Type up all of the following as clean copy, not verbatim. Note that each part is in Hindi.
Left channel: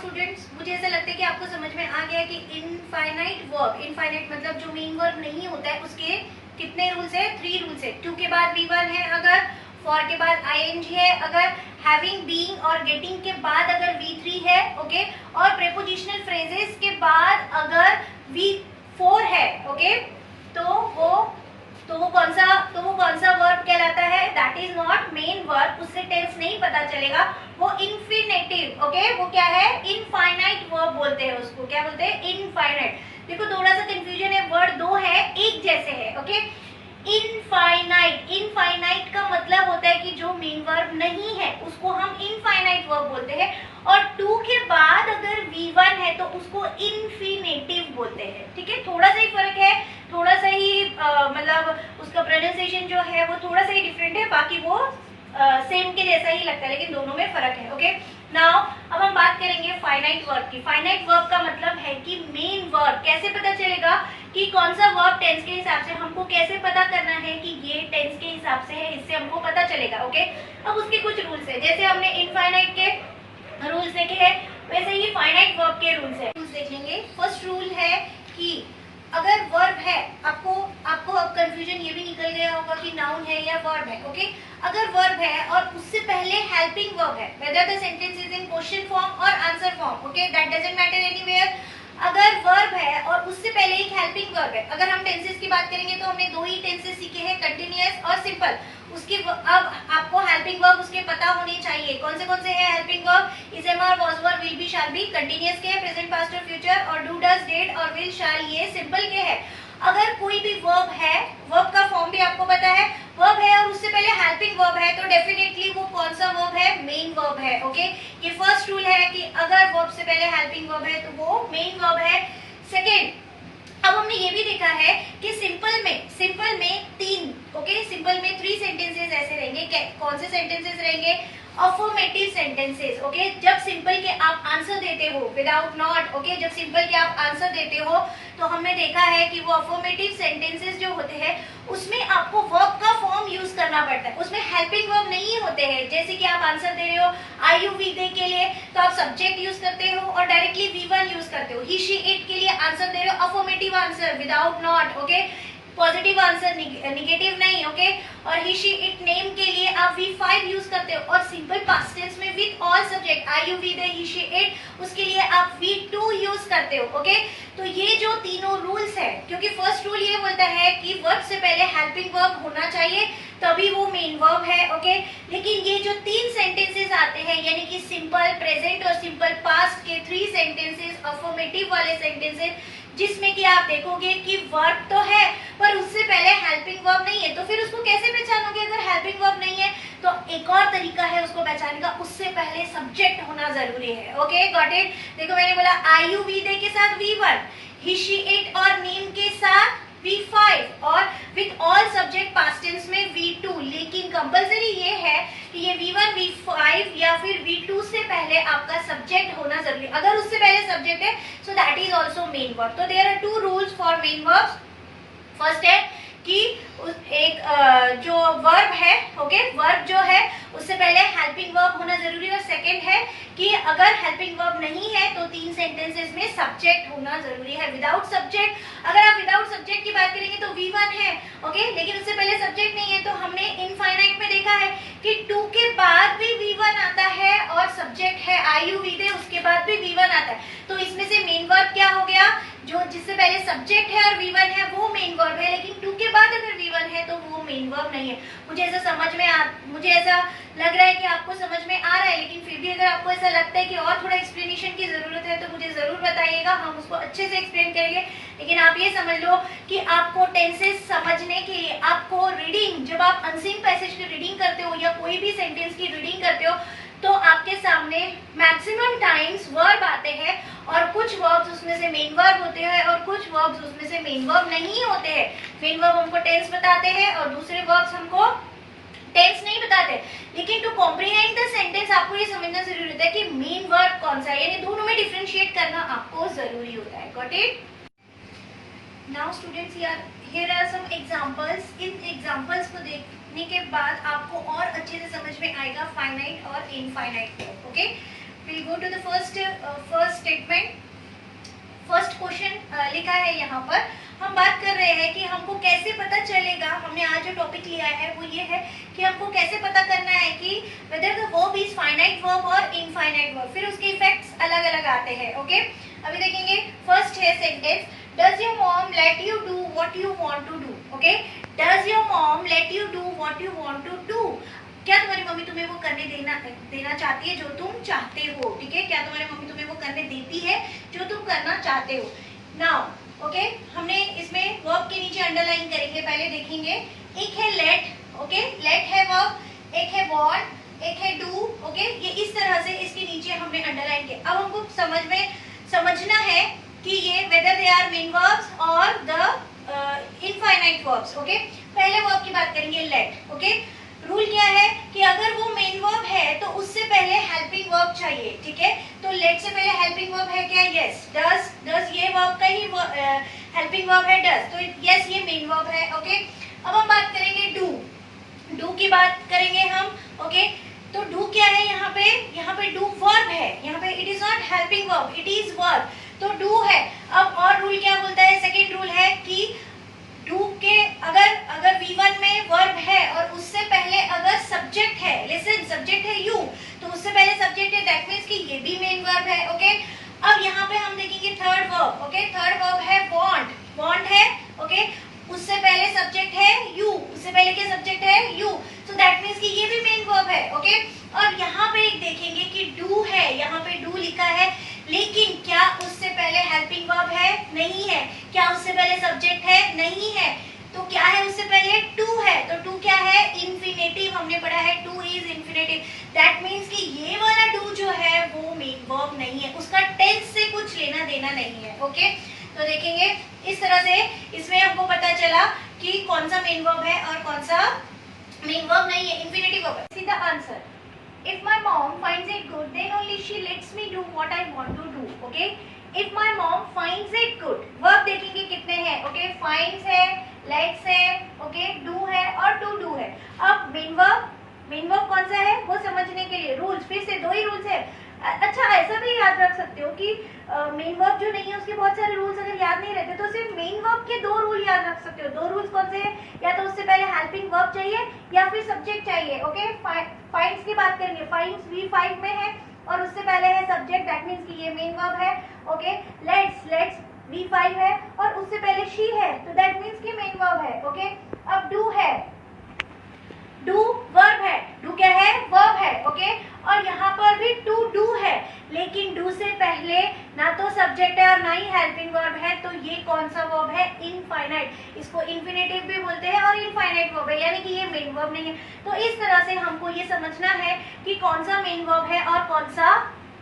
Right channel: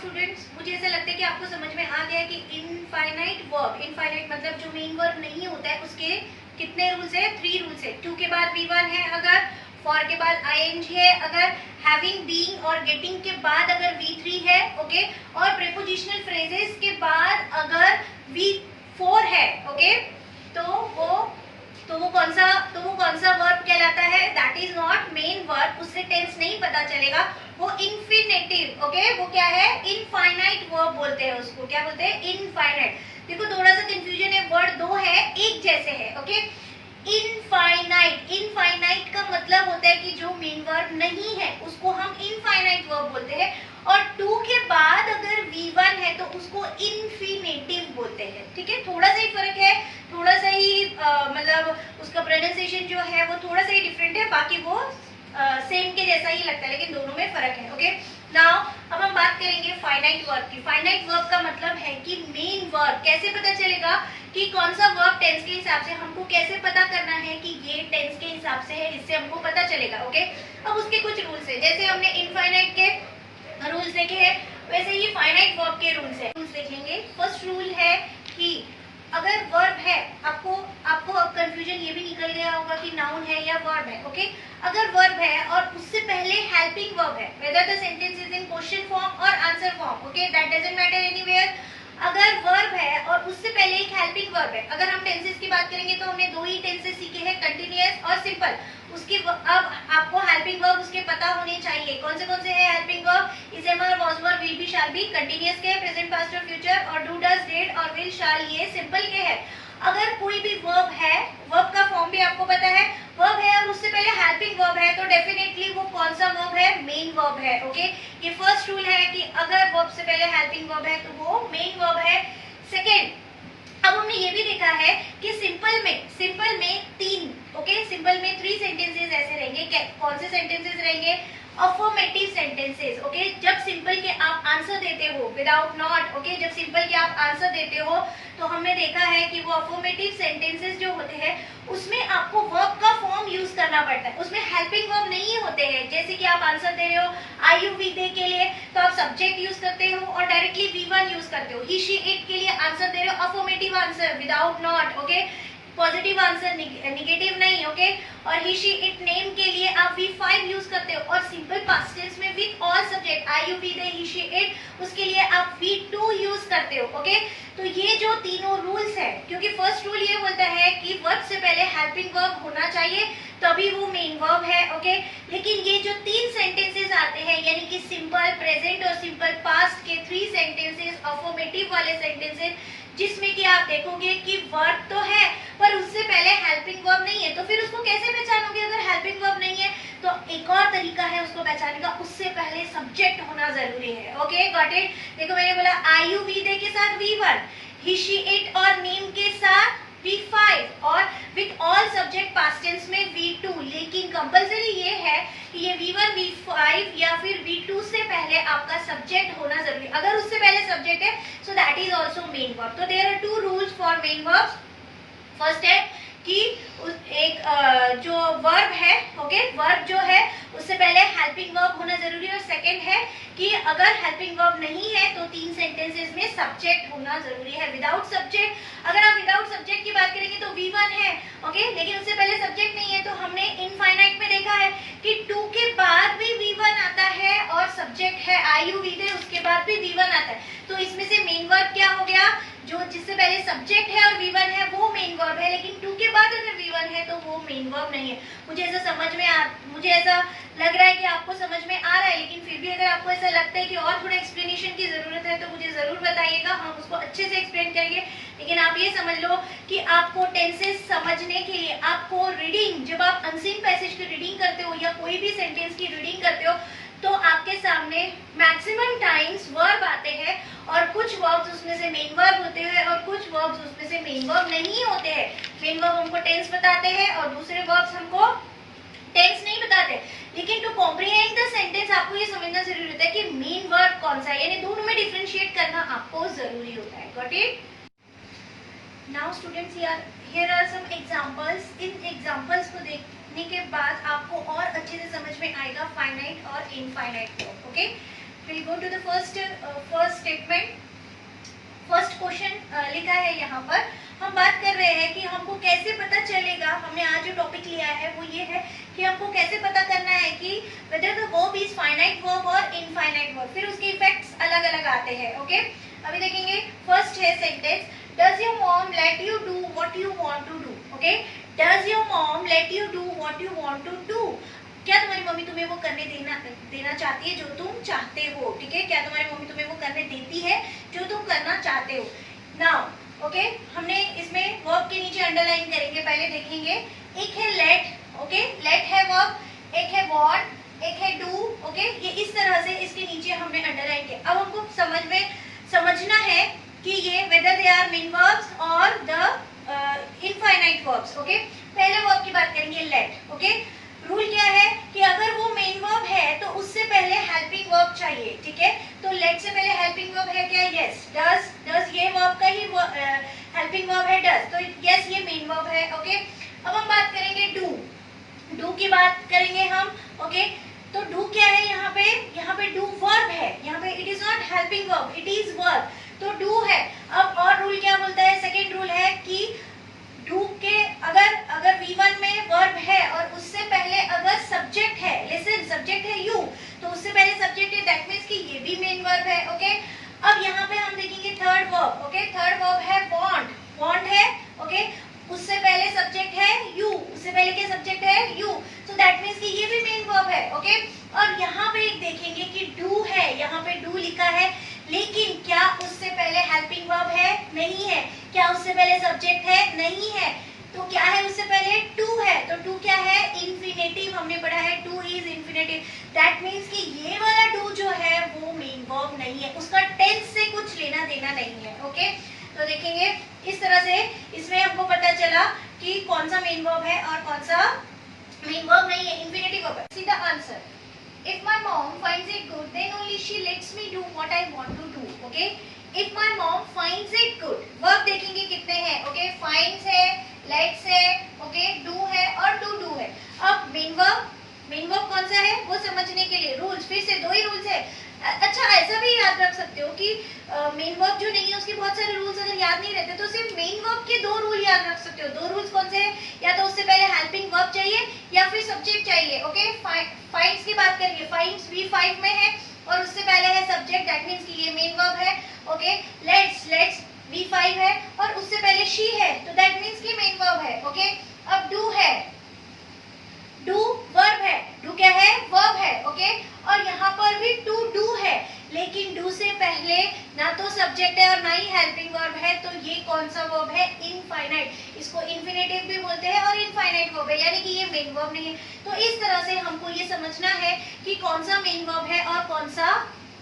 स्टूडेंट्स, मुझे ऐसा लगता है कि आपको समझ में आ गया है कि इनफाइनाइट वर्ब, इनफाइनाइट मतलब जो मेन वर्ब नहीं होता है उसके कितने रूल्स है, 3 रूल्स है। टू के बाद V1 है, अगर फॉर के बाद ing है, अगर हैविंग, बीइंग और गेटिंग के बाद अगर V3 है, ओके, और प्रेपोजिशनल फ्रेजेस के बाद अगर V4 है, ओके, तो वो कौन सा वर्ब कहलाता है? That is not main verb, उससे टेंस नहीं पता चलेगा, वो इन्फिनेटिव, ओके, वो क्या है? इनफाइनाइट वर्ब बोलते हैं उसको। क्या बोलते हैं? इनफाइनाइट। देखो थोड़ा सा कंफ्यूजन है, वर्ड दो है, एक जैसे है, ओके। इनफाइनाइट, इनफाइनाइट का मतलब होता है कि जो मेन वर्ब नहीं है उसको हम इनफाइनाइट वर्ब बोलते हैं, और टू के बाद अगर V1 है तो उसको इन्फिनेटिव बोलते हैं, ठीक है। थोड़ा सा ही फर्क है, थोड़ा सा ही मतलब उसका प्रोनाउंसिएशन जो है वो थोड़ा सा ही डिफरेंट है, बाकी वो सेम के जैसा ही लगता है, लेकिन दोनों में फर्क है, ओके। नाउ अब हम बात करेंगे फाइनाइट वर्ब की। फाइनाइट वर्ब का मतलब है कि मेन वर्ब कैसे पता चलेगा कि कौन सा वर्ब टेंस के हिसाब से, हमको कैसे पता करना है कि ये टेंस के हिसाब से है, इससे हमको पता चलेगा, ओके। अब उसके कुछ रूल्स है, जैसे हमने इनफाइनाइट के रूल्स देखे हैं वैसे ही फाइनाइट वर्ब के रूल्स है, रूल्स देख लेंगे। फर्स्ट रूल है कि अगर वर्ब है, आपको अब कंफ्यूजन ये भी निकल गया होगा कि नाउन है या वर्ब है, ओके। अगर वर्ब है और उससे पहले हेल्पिंग वर्ब है, whether the sentence is in question form और answer form, okay, that doesn't matter anywhere. अगर वर्ब है और उससे पहले एक हेल्पिंग वर्ब है, अगर हम टेंसेस की बात करेंगे तो हमने दो ही टेंसेस सीखे हैं, कंटिन्यूअस और सिंपल। उसके अब आपको हेल्पिंग वर्ब उसके पता होने चाहिए। कौन से है helping verb? Is, am, are, was, were, will be, shall be. Continuous के है, प्रेजेंट, पास्ट और फ्यूचर, और डू, डज, डिड और विल, शैल, ये सिंपल के है। अगर कोई भी वर्ब है, वर्ब का फॉर्म भी आपको पता है, वर्ब है और उससे पहले हेल्पिंग वर्ब है, तो डेफिनेटली वो कौन सा वर्ब है? मेन वर्ब है, ओके। ये फर्स्ट रूल है कि अगर वर्ब से पहले हेल्पिंग वर्ब है तो वो मेन वर्ब है। सेकेंड, अब हमने ये भी देखा है कि सिंपल में तीन, ओके, सिंपल में 3 सेंटेंसेस ऐसे रहेंगे। कौन से सेंटेंसेस रहेंगे? Affirmative sentences, okay. जब सिंपल के आप आंसर देते हो विदाउट नॉट, ओके, जब सिंपल के आप आंसर देते हो तो हमने देखा है कि वो अफर्मेटिव सेंटेंसेस जो होते हैं उसमें आपको वर्ब का फॉर्म यूज करना पड़ता है, उसमें हेल्पिंग वर्ब नहीं होते हैं। जैसे कि आप आंसर दे रहे हो आई यू वी दे के लिए, तो आप सब्जेक्ट यूज करते हो और डायरेक्टली V1 यूज करते हो। ही शी इट के लिए आंसर दे रहे हो affirmative answer without not, okay, positive answer, negative नहीं, ओके। और ही शी इट नेम के लिए आप V5 यूज करते हो, और सिंपल पास्ट टेंस में with all subject I you we they he she it, उसके लिए आप V2 यूज करते हो, ओके। तो ये जो तीनों रूल्स है, क्योंकि फर्स्ट रूल ये बोलता है कि वर्ब से पहले हेल्पिंग वर्ब होना चाहिए तभी वो मेन वर्ब है, ओके। लेकिन ये जो 3 सेंटेंसेस आते हैं, यानी कि सिंपल, प्रेजेंट और सिंपल पास्ट के 3 सेंटेंसेस, अफर्मेटिव वाले सेंटेंसेस, जिसमें कि आप देखोगे कि वर्ब तो है पर उससे पहले हेल्पिंग वर्ब नहीं है, तो फिर उसको कैसे पहचानोगे? अगर हेल्पिंग वर्ब नहीं है तो एक और तरीका है उसको पहचानने का, उससे पहले सब्जेक्ट होना जरूरी है, ओके, गॉट इट। देखो मैंने बोला आई यू वी दे के साथ V1, ही शी इट और नेम के साथ V5 और with all subject past tense में V2, लेकिन कंपलसरी ये है कि ये V1, V5 या फिर V2 से पहले आपका सब्जेक्ट होना जरूरी है। अगर उससे पहले सब्जेक्ट है so that is also main verb. तो there are 2 rules for main verbs. First है कि एक जो वर्ब है, ओके, वर्ब जो है उससे पहले हेल्पिंग वर्ब होना जरूरी है, और सेकंड है कि अगर हेल्पिंग वर्ब नहीं है तो 3 सेंटेंसेस में सब्जेक्ट होना जरूरी है। विदाउट सब्जेक्ट, अगर आप विदाउट सब्जेक्ट की बात करेंगे तो V1 है, ओके, लेकिन उससे पहले सब्जेक्ट नहीं है, तो हमने इनफाइनाइट में देखा है कि 2 के बाद भी V1 आता है और सब्जेक्ट है आई यू वी दे, उसके बाद भी V1 आता है, तो इसमें से मेन वर्ब क्या हो गया? जो जिससे पहले सब्जेक्ट है और V1 है वो मेन वर्ब है, लेकिन 2 के बाद अगर V1 है तो वो मेन वर्ब नहीं है। मुझे ऐसा लग रहा है कि आपको समझ में आ रहा है, लेकिन फिर भी अगर आपको ऐसा लगता है कि और थोड़ा एक्सप्लेनेशन की जरूरत है तो मुझे जरूर बताइएगा, हम उसको अच्छे से एक्सप्लेन करेंगे। लेकिन आप ये समझ लो कि आपको टेंसेस समझने के लिए आपको रीडिंग, जब आप अनसीन पैसेज की रीडिंग करते हो या कोई भी सेंटेंस की रीडिंग करते हो तो आपके सामने मैक्सिमम टाइम्स वर्ब आते हैं, और कुछ वर्ब्स उसमें से मेन वर्ब होते हैं और कुछ वर्ब्स उसमें से मेन वर्ब नहीं होते हैं। मेन वर्ब हमको टेंस बताते हैं और दूसरे वर्ब्स हमको टेंस नहीं बताते। लेकिन टू कॉम्प्रिहेंड द सेंटेंस आपको ये समझना जरूरी होता है कि मेन वर्ब कौन सा है, यानी दोनों में डिफरेंशिएट करना आपको जरूरी होता है। Got it? Now students, here are some examples. इन एग्जांपल्स को देखने के बाद आपको और अच्छे से समझ में आएगा फाइनाइट और infinite verb, okay. Will go to the first statement. First question लिखा है यहाँ पर, हम बात कर रहे हैं कि हमको कैसे पता चलेगा, हमने आज जो टॉपिक लिया है वो ये है कि हमको कैसे पता करना है कि whether the verb is finite verb और infinite verb, फिर उसके इफेक्ट्स अलग अलग आते हैं। ओके, अभी देखेंगे फर्स्ट है sentence, does your mom let you do what you want to do. Okay, does your mom let you do what you want to do, क्या तुम्हारी मम्मी तुम्हें वो करने देना चाहती है जो तुम चाहते हो। ठीक है, क्या तुम्हारी मम्मी तुम्हें वो करने देती है जो तुम करना चाहते हो। नाउ ओके, हमने इसमें वर्ब के नीचे अंडरलाइन करेंगे, पहले देखेंगे। एक है लेट, ओके, लेट है वर्ब, एक है वांट, एक है डू। ओके, ये इस तरह से इसके नीचे हमने अंडरलाइन किया। अब हमको समझना है कि ये whether they are main verbs और द इनफाइनाइट वर्ब्स। ओके, पहले वर्ब की बात करेंगे लेट। ओके, रूल क्या है कि अगर वो मेन वर्ब है तो उससे पहले हेल्पिंग वर्ब चाहिए। ठीक है, तो लेट से पहले हेल्पिंग वर्ब है क्या? Yes, does. डज ये वर्ब का ही हेल्पिंग वर्ब है डज, तो यस ये मेन वर्ब है। ओके, अब हम बात करेंगे डू। डू की बात करेंगे हम। ओके, तो डू क्या है यहाँ पे डू वर्ब है, यहाँ पे it is not helping verb, it is verb, तो डू है। अब और रूल क्या बोलता है, सेकेंड रूल है कि डू के अगर V1 में वर्ब है और उससे पहले अगर सब्जेक्ट है, लिसन सब्जेक्ट है यू, तो उससे पहले सब्जेक्ट है, दैट मींस कि ये भी मेन वर्ब है। ओके, अब यहाँ पे हम देखेंगे third verb. Okay, third verb है वांट, वांट है। ओके, उससे पहले सब्जेक्ट है यू, उससे पहले क्या सब्जेक्ट है यू, सो दैट मींस कि ये भी मेन वर्ब है। ओके, और यहाँ पे एक देखेंगे कि डू है, यहाँ पे डू लिखा है, लेकिन क्या उससे पहले हेल्पिंग वर्ब है? नहीं है। क्या उससे पहले सब्जेक्ट है? नहीं है। तो क्या है उससे पहले? टू है, तो टू क्या है? इन्फिनेटिव, हमने पढ़ा है two is infinitive, that means कि ये वाला डू जो है वो मेन वर्ब नहीं है, उसका टेंस से कुछ लेना देना नहीं है। ओके, तो देखेंगे इस तरह से इसमें हमको पता चला कि कौन सा मेन वर्ब है और कौन सा मेन वर्ब नहीं है, इन्फिनेटिव वर्ब है। See the answer, if my mom finds it good then only she lets me do what I want to do. Okay, if my mom finds it good, verb देखेंगे कितने हैं। okay, finds है, lets है, okay, do है और to do है। अब मेन वर्ब कौन सा है वो समझने के लिए रूल्स, फिर से दो ही रूल्स है। अच्छा, ऐसा भी याद रख सकते हो कि मेन वर्ब जो नहीं है उसके बहुत सारे रूल्स अगर याद नहीं रहते तो सिर्फ मेन वर्ब के दो रूल याद रख सकते हो। दो रूल्स कौन से हैं? या तो उससे पहले हेल्पिंग वर्ब चाहिए या फिर सब्जेक्ट चाहिए। ओके, फाइंड्स की बात करेंगे, फाइंड्स V5 में है और उससे पहले है सब्जेक्ट, दैट मींस कि ये मेन वर्ब है। ओके, लेट्स V5 है और उससे पहले शी है, तो दैट मींस कि मेन वर्ब है। ओके, अब डू है, डू वर्ब है, डू क्या है? वर्ब है। ओके, और यहाँ पर भी टू डू है, लेकिन डू से पहले ना तो सब्जेक्ट है और ना ही हेल्पिंग वर्ब है, तो ये कौन सा वर्ब है? इनफाइनाइट, इसको इन्फिनेटिव भी बोलते हैं और इनफाइनाइट वर्ब है, यानी कि ये मेन वर्ब नहीं है। तो इस तरह से हमको ये समझना है कि कौन सा मेन वर्ब है और कौन सा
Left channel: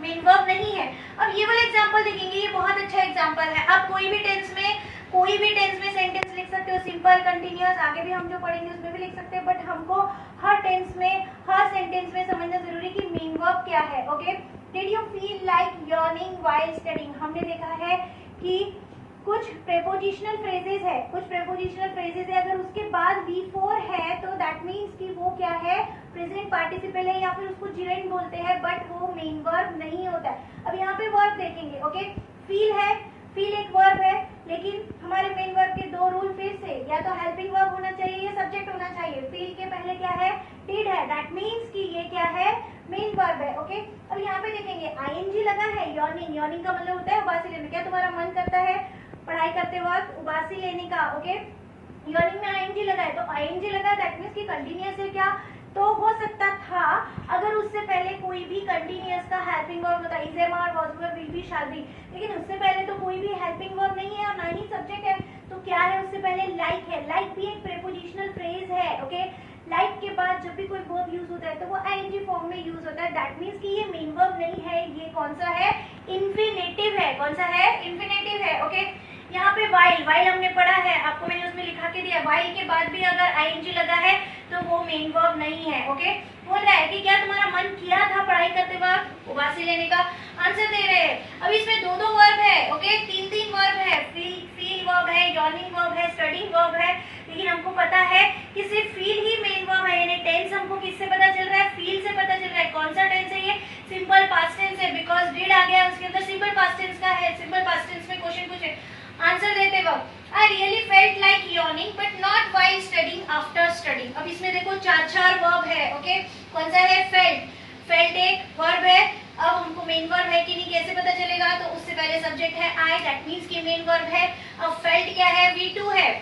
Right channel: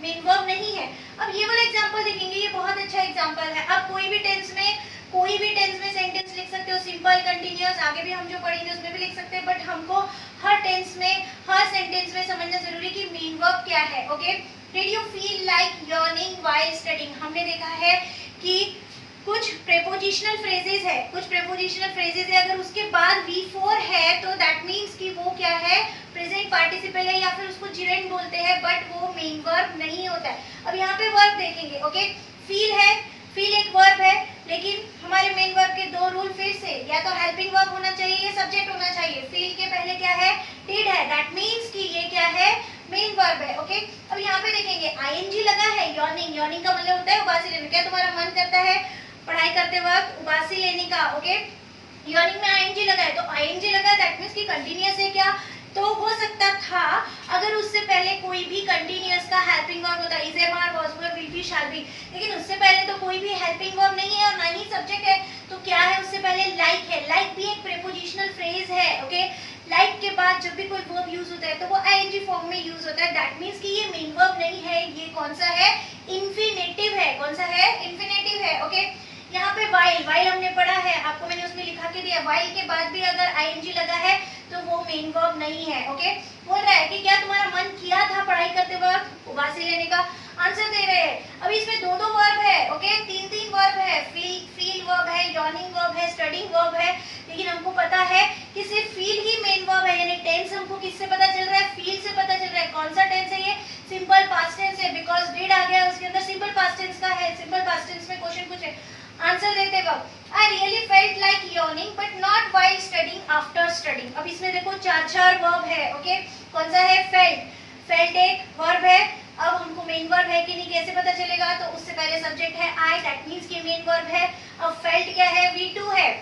मेन वर्ब नहीं है। अब ये वाला एग्जांपल देखेंगे, ये बहुत अच्छा एग्जांपल है। आप कोई भी टेंस में सेंटेंस लिख सकते हो, सिंपल, कंटिन्यूअस, आगे भी हम जो पढ़ेंगे उसमें भी लिख सकते हैं, बट हमको हर टेंस में, हर सेंटेंस में समझना जरूरी कि मेन वर्ब क्या है। Okay, did you feel like yearning while studying, हमने देखा है कि कुछ प्रेपोजिशनल फ्रेजेस है, अगर उसके बाद V4 है तो दैट मींस कि वो क्या है? प्रेजेंट पार्टिसिपल है या फिर उसको जिरेंट बोलते हैं, बट वो मेन वर्ब नहीं होता है। अब यहाँ पे वर्ब देखेंगे। ओके, फील है, फील एक वर्ब है, लेकिन हमारे मेन वर्ब के दो रूल फिर से, या तो हेल्पिंग वर्ब होना चाहिए या सब्जेक्ट होना चाहिए। फील के पहले क्या है? डिड है, दैट मींस कि ये क्या है? मेन वर्ब है। ओके, अब यहाँ पे देखेंगे ing लगा है, यॉर्निंग का मतलब होता है उबासी लेने। क्या तुम्हारा मन करता है पढ़ाई करते वक्त उबासी लेने का? ओके, यॉर्निंग में ing लगा है, तो ing लगा है, दैट मींस कि कंटीन्यूअस है। क्या तो हो सकता था अगर उससे पहले कोई भी कंटीन्यूअस का हेल्पिंग वर्ब होता, is, am, are, was, were, will be, shall be, लेकिन उससे पहले तो कोई भी हेल्पिंग वर्ब नहीं है और ना ही सब्जेक्ट है, तो क्या है? उससे पहले लाइक है। लाइक भी एक प्रीपोजिशनल फ्रेज है। ओके, लाइक के बाद जब भी कोई वर्ब यूज होता है तो वो ing फॉर्म में यूज होता है, दैट मींस कि ये मेन वर्ब नहीं है, ये कौन सा है? इन्फिनेटिव है। कौन सा है? इन्फिनेटिव है। ओके, यहाँ पे वाइल हमने पढ़ा है, आपको मैंने उसमें लिखा के दिया, वाइल के बाद भी अगर ing लगा है तो वो मेन वर्ब नहीं है। ओके, बोल रहा है कि क्या तुम्हारा मन किया था पढ़ाई करते वक्त उबासी लेने का? आंसर दे रहे हैं। अब इसमें दो वर्ब है। ओके, तीन वर्ब है, फील वर्ब है, यॉर्निंग वर्ब है, स्टडीइंग वर्ब है, लेकिन हमको पता है कि सिर्फ फील ही मेन वर्ब है, यानी टेंस हमको किससे पता चल रहा है? फील से पता चल रहा है। कौन सा टेंस है ये? सिंपल पास्ट टेंस है, ओके, कौन सा है? फेल्ट। फेल्ट एक वर्ब है। अब हमको मेन वर्ब है कि नहीं कैसे पता चलेगा? तो उससे पहले सब्जेक्ट है आई, दैट मीन्स कि मेन वर्ब है। अब फेल्ट क्या है? V2 है।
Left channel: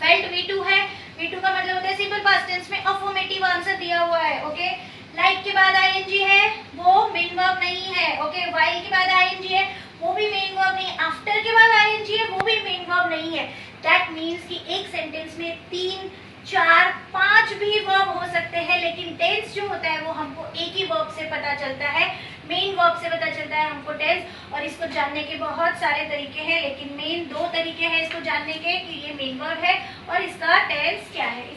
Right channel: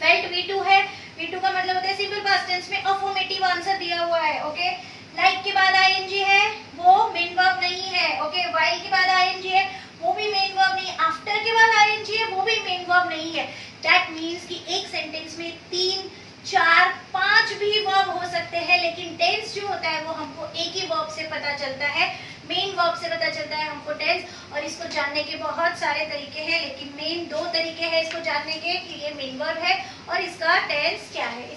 फेल्ट V2 है। V2 का मतलब होता है सिंपल पास्ट टेंस में अफर्मेटिव आंसर दिया हुआ है। ओके, लाइक के बाद ing है, वो मेन वर्ब नहीं है। ओके, व्हाइल के बाद ing है, वो भी मेन वर्ब नहीं है। आफ्टर के बाद ing है, वो भी मेन वर्ब नहीं है। दैट मीन्स कि एक सेंटेंस में 3, 4, 5 भी वर्ब हो सकते हैं, लेकिन टेंस जो होता है वो हमको एक ही वर्ब से पता चलता है, मेन वर्ब से पता चलता है हमको टेंस। और इसको जानने के बहुत सारे तरीके हैं, लेकिन मेन 2 तरीके हैं इसको जानने के कि ये मेन वर्ब है और इसका टेंस क्या है।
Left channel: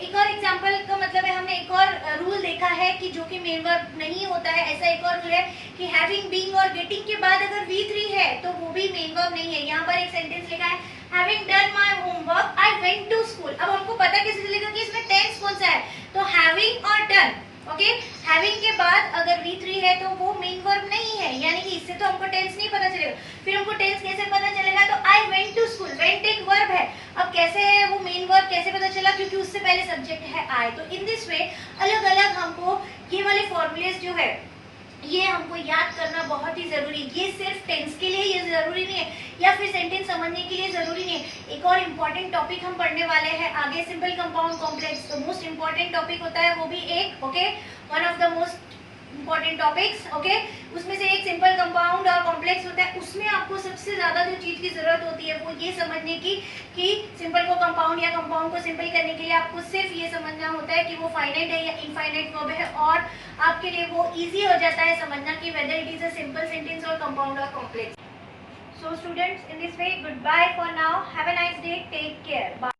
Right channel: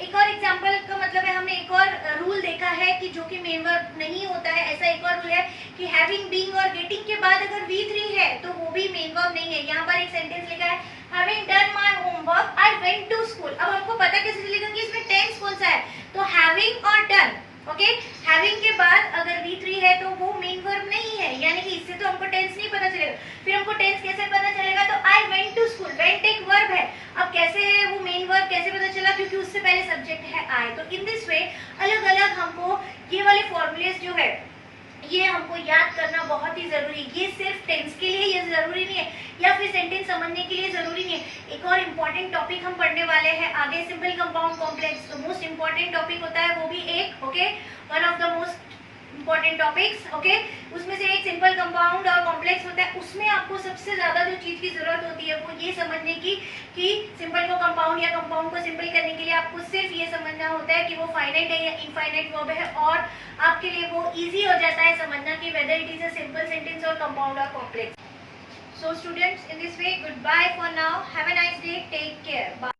एक और एग्जांपल का मतलब है, हमने एक और रूल देखा है कि जो कि मेन वर्ब नहीं होता है। ऐसा एक और रूल है कि हैविंग, बीइंग और गेटिंग के बाद अगर V3 है तो वो भी मेन वर्ब नहीं है। यहाँ पर एक सेंटेंस लिखा है having done my homework I went to school. अब हमको पता कैसे चलेगा कि इसमें टेंस कौन सा है? तो हैविंग और डन। ओके, हैविंग के बाद अगर V3 है तो वो मेन वर्ब नहीं है, यानी कि इससे तो हमको टेंस नहीं पता चलेगा। फिर हमको टेंस कैसे पता चलेगा? तो I went to school, went एक वर्ब है। अब कैसे है वो मेन वर्ब कैसे पता चला? क्योंकि उससे पहले सब्जेक्ट है आई। तो इन दिस वे अलग अलग हमको ये वाले फॉर्मूलेस जो है ये हमको याद करना बहुत ही जरूरी है। ये सिर्फ टेंस के लिए ये जरूरी नहीं है, या फिर सेंटेंस समझने के लिए जरूरी नहीं है। एक और इम्पोर्टेंट टॉपिक हम पढ़ने वाले हैं आगे, सिंपल कंपाउंड कॉम्प्लेक्स। तो मोस्ट इम्पोर्टेंट टॉपिक होता है वो भी एक, okay, one of the most important topics. Okay, उसमें से एक सिंपल कंपाउंड और कॉम्प्लेक्स होता है। उसमें आपको सबसे ज्यादा जो चीज की जरूरत होती है वो ये समझने की कि सिंपल को कंपाउंड या कंपाउंड को सिंपल करने के लिए आपको सिर्फ ये समझना होता है कि वो फाइनाइट है या इनफाइनाइट वर्ब है, और आपके लिए वो इजी हो जाता है समझना कि whether it is a simple sentence और कंपाउंड और complex. So students, in this way, goodbye for now. Have a nice day. Take care. Bye.